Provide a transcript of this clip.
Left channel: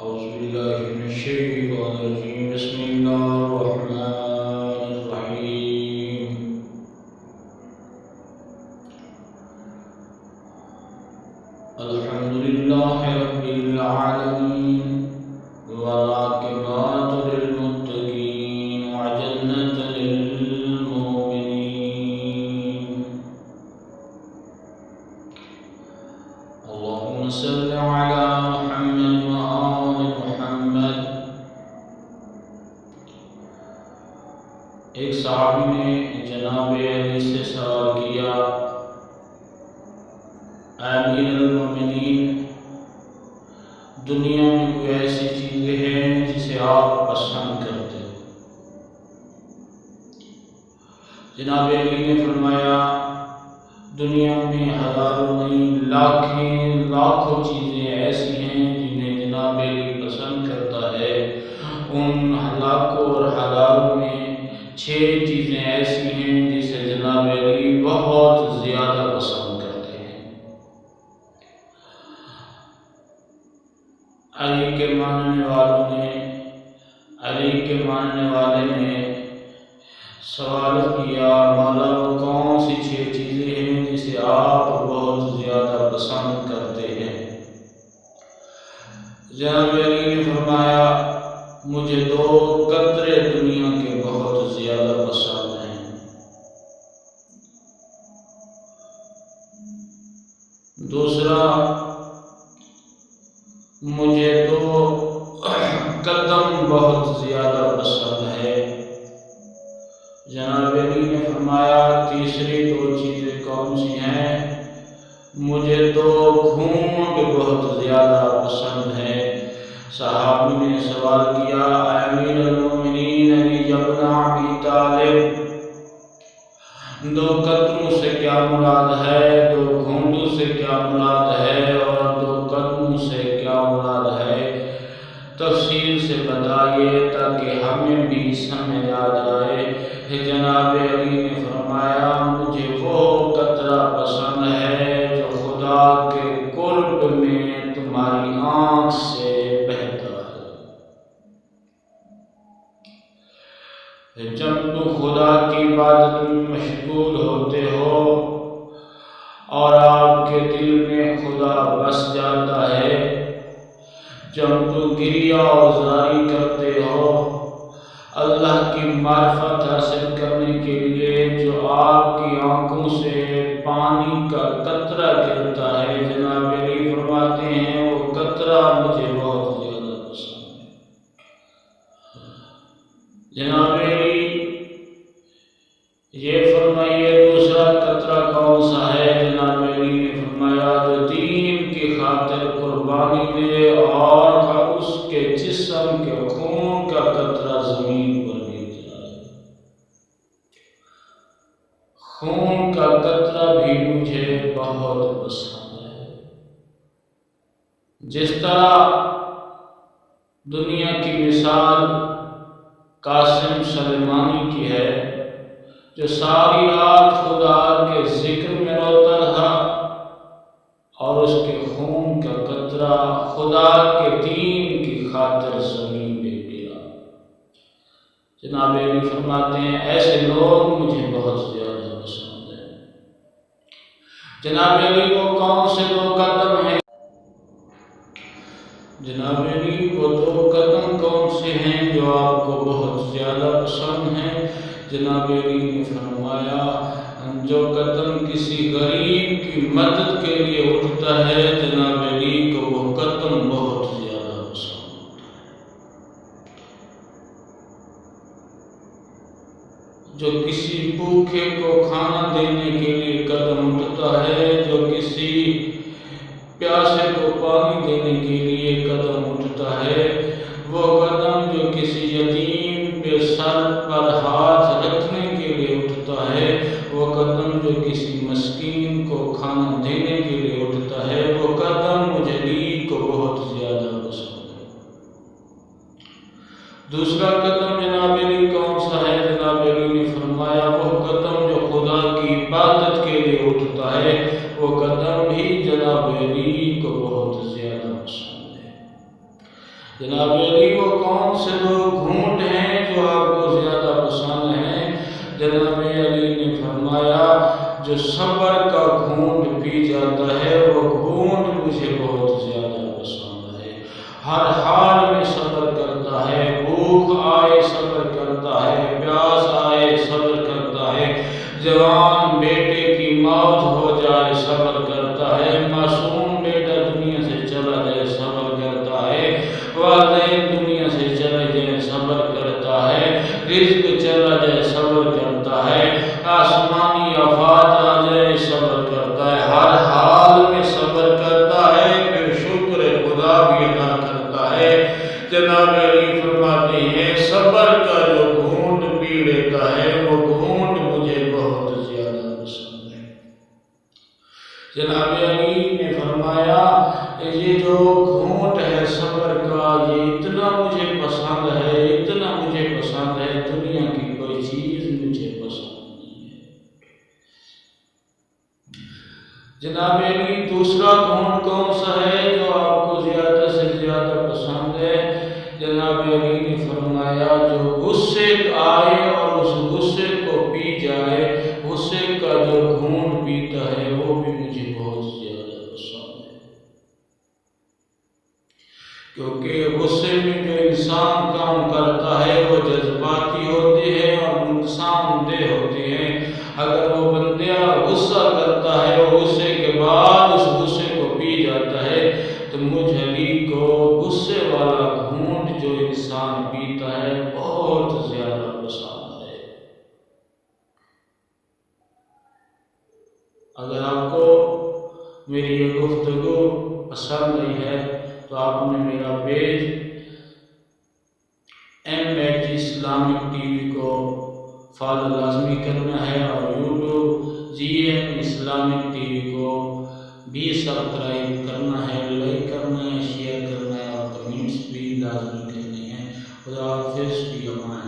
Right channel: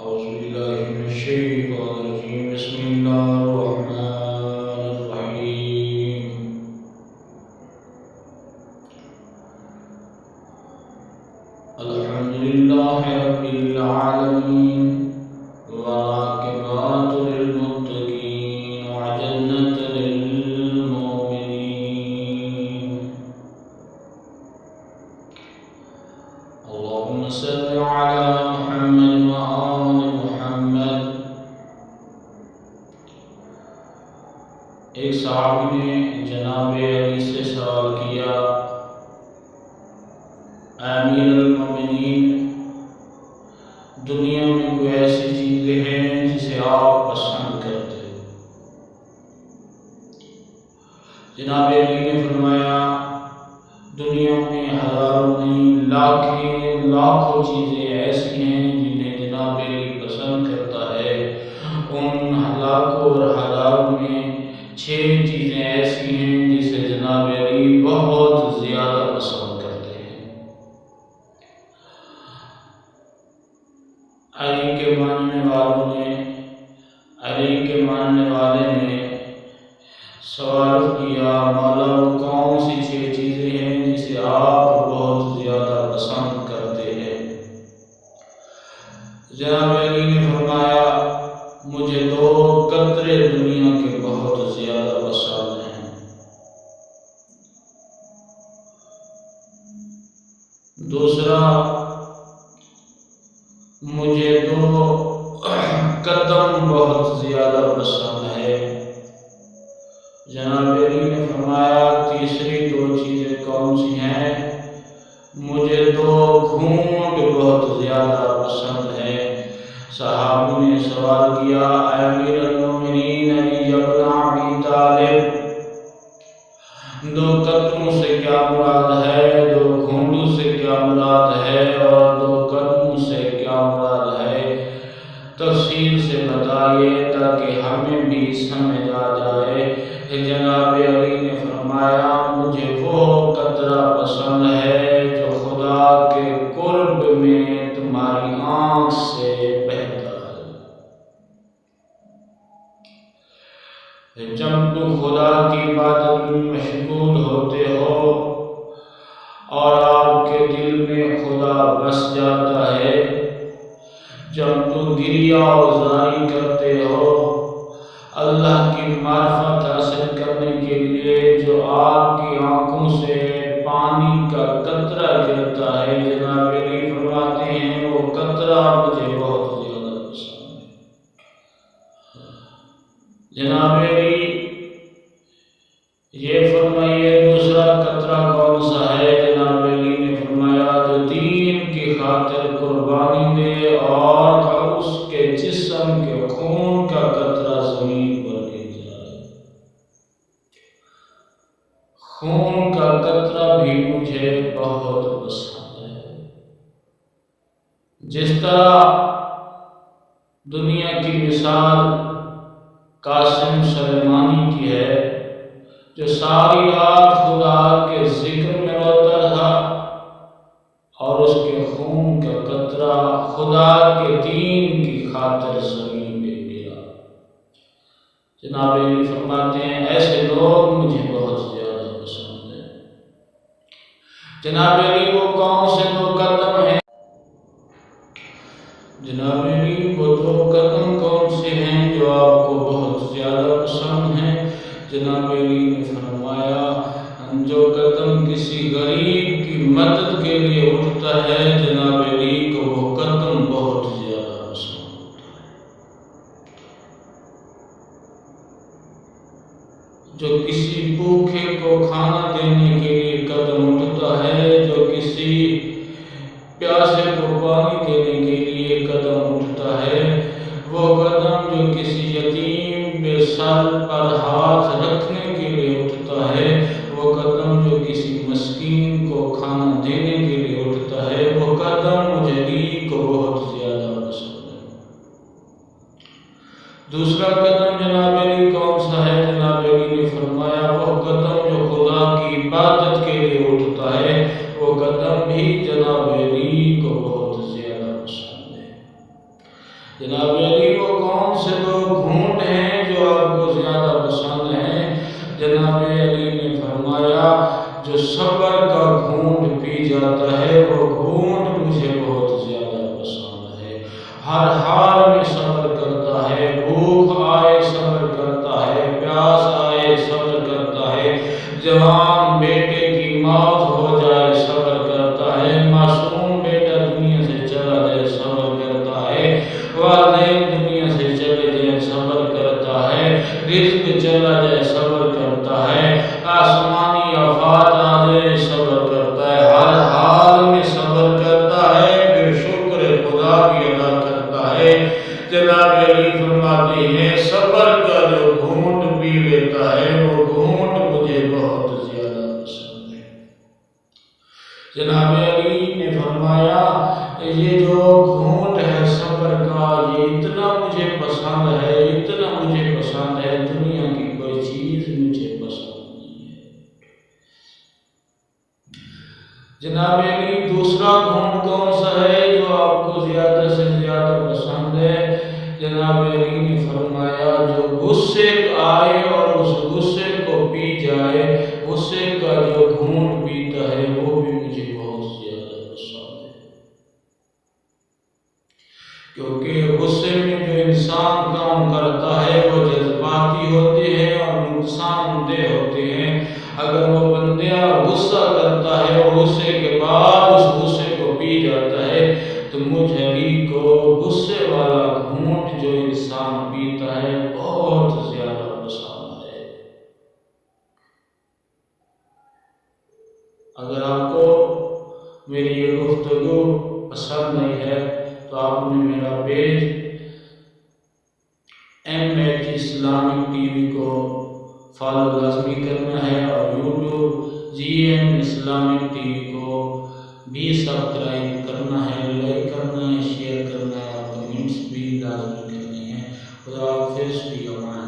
أعوذ بالله من الشيطان الرجيم بسم الله الرحمن الرحيم الحمد لله رب العالمين والعاقبة للمتقين وجنة للمؤمنين اللهم صل على محمد وآل محمد۔ ایک صحابی نے جناب علی سے سوال کیا، امیر المومنین، دنیا میں کوئی ایسی چیزیں ہیں جسے آپ پسند کرتے ہو؟ جناب علی نے فرمایا، دنیا میں ہزاروں نہیں لاکھوں چیزیں ایسی ہیں جنہیں جناب علی پسند کرتا ہے۔ ان لاکھوں اور ہزاروں میں 6 چیزیں ایسی ہیں جسے جناب علی بہت زیادہ پسند کرتے ہیں۔ علی کے ماننے والے نے سوال کیا، مولا وہ کون سی 6 چیزیں ہیں جسے آپ بہت زیادہ پسند کرتے ہیں؟ جناب علی نے فرمایا، مجھے 2 قطرے دنیا کے بہت زیادہ پسند ہیں۔ دوسرا، مجھے 2 قدم بہت زیادہ پسند ہے۔ جناب علی نے فرمایا، تیسری 2 چیزیں کون سی ہیں؟ مجھے 2 گھونٹ بہت زیادہ پسند ہے۔ صحابی نے سوال کیا، اے امیر المومنین علی ابن ابی طالب، 2 قدموں سے کیا مراد ہے؟ 2 گھونٹوں سے کیا مراد ہے؟ اور 2 قدموں سے کیا مراد ہے؟ تفصیل سے بتائیے تاکہ ہمیں بھی سمجھ آ جائے۔ جناب علی نے فرمایا، مجھے وہ قطرہ پسند ہے جو خدا کے قرب میں تمہاری آنکھ سے بہتا ہے۔ جب تم خدا کی عبادت میں مشغول ہوتے ہو اور آپ کے دل میں خدا بس جاتا ہے، جب تم گریہ وزاری کرتے ہو، اللہ کی معرفت حاصل کرنے کے لیے جو آپ کی آنکھوں سے پانی کا قطرہ گرتا ہے، جناب علی فرماتے ہیں وہ قطرہ مجھے بہت زیادہ پسند ہے۔ جناب علی یہ فرمائیے، دوسرا قطرہ کون سا ہے؟ جناب علی نے فرمایا، جو دین کی خاطر قربانی دے اور اس کے جسم کے خون کا قطرہ زمین پر گر جائے۔ خون کا قطرہ بھی مجھے بہت پسند ہے۔ جس طرح دنیا کی مثال قاسم سلیمانی کی ہے، جو ساری رات خدا کے ذکر میں روتا تھا اور اس کے خون کا قطرہ خدا کے دین کی خاطر زمین پہ گرا۔ جناب علی فرماتے ہیں، ایسے لوگ مجھے بہت زیادہ پسند ہیں۔ جناب علی وہ کون سے 2 قدم ہیں؟ جناب علی وہ 2 قدم کون سے ہیں جو آپ کو بہت زیادہ پسند ہیں؟ جناب علی نے فرمایا، جو قدم کسی غریب کی مدد کے لیے اٹھتا ہے، جناب علی کو وہ قدم بہت زیادہ پسند ہوتا ہے۔ جو کسی بھوکے کو کھانا دینے کے لیے قدم اٹھتا ہے، جو کسی پیاسے کو پانی دینے کے لیے قدم اٹھتا ہے، وہ قدم جو کسی یتیم پہ سر پر ہاتھ رکھنے کے لیے اٹھتا ہے، وہ قدم جو کسی مسکین کو کھانا دینے کے لیے اٹھتا ہے، وہ قدم مجھے علی کو بہت زیادہ پسند ہے۔ دوسرا قدم جناب علی کون سا ہے؟ جناب علی نے فرمایا، وہ قدم جو خدا کی عبادت کے لیے اٹھتا ہے، وہ قدم بھی جناب علی کو بہت زیادہ پسند ہے۔ جناب علی وہ کون سے دو گھونٹ ہیں جو آپ کو زیادہ پسند ہیں؟ جناب علی نے فرمایا جو صبر کا گھونٹ پی جاتا ہے وہ گھونٹ مجھے بہت زیادہ پسند ہے۔ ہر حال میں صبر کرتا ہے، بھوک آئے صبر کرتا ہے، پیاس آئے صبر کرتا ہے، جوان بیٹے کی موت ہو جائے صبر کرتا ہے، معصوم بیٹا دنیا سے چلا جائے صبر کرتا ہے، والدین دنیا سے چلے جائے صبر کرتا ہے، رزق چلا جائے صبر کرتا ہے، آسمانی آفات آ جائے صبر کرتا ہے، ہر حال میں صبر کرتا ہے، پھر شکر خدا بھی ادا کرتا ہے۔ جناب علی فرماتے ہیں صبر کا جو گھونٹ پی لیتا ہے وہ گھونٹ مجھے بہت زیادہ پسند ہے۔ جناب علی نے فرمایا یہ جو گھونٹ ہے صبر کا یہ اتنا مجھے پسند ہے، اتنا مجھے پسند ہے، دنیا کی کوئی چیز مجھے پسند نہیں ہے۔ جناب علی دوسرا گھونٹ کون سا ہے جو آپ کو زیادہ سے زیادہ پسند ہے؟ جناب علی نے فرمایا جو غصے آئے اور اس غصے کو پی جائے، غصے کا جو گھونٹ پیتا ہے وہ بھی مجھے بہت زیادہ پسند ہے۔ کیونکہ غصے میں جو انسان کام کرتا ہے وہ جذباتی ہوتے ہیں اور نقصان دہ ہوتے ہیں۔ اگر وہ بندہ غصہ کرتا ہے اور غصے کے بعد اس غصے کو پی جاتا ہے تو مجھ علی کو غصے والا گھونٹ جو انسان پیتا ہے بہت زیادہ پسند ہے۔ اگر آپ کو میری یہ گفتگو پسند نہیں ہے تو آپ نے میرا page MH Islamic T V کو فالو لازمی کرنا ہے اور YouTube GM Islamic T V کو بھی سبسکرائب کرنا ہے، لائک کرنا ہے، شیئر کرنا ہے اور کمنٹس بھی لازمی کرنے ہیں۔ خدا حافظ، فی امان۔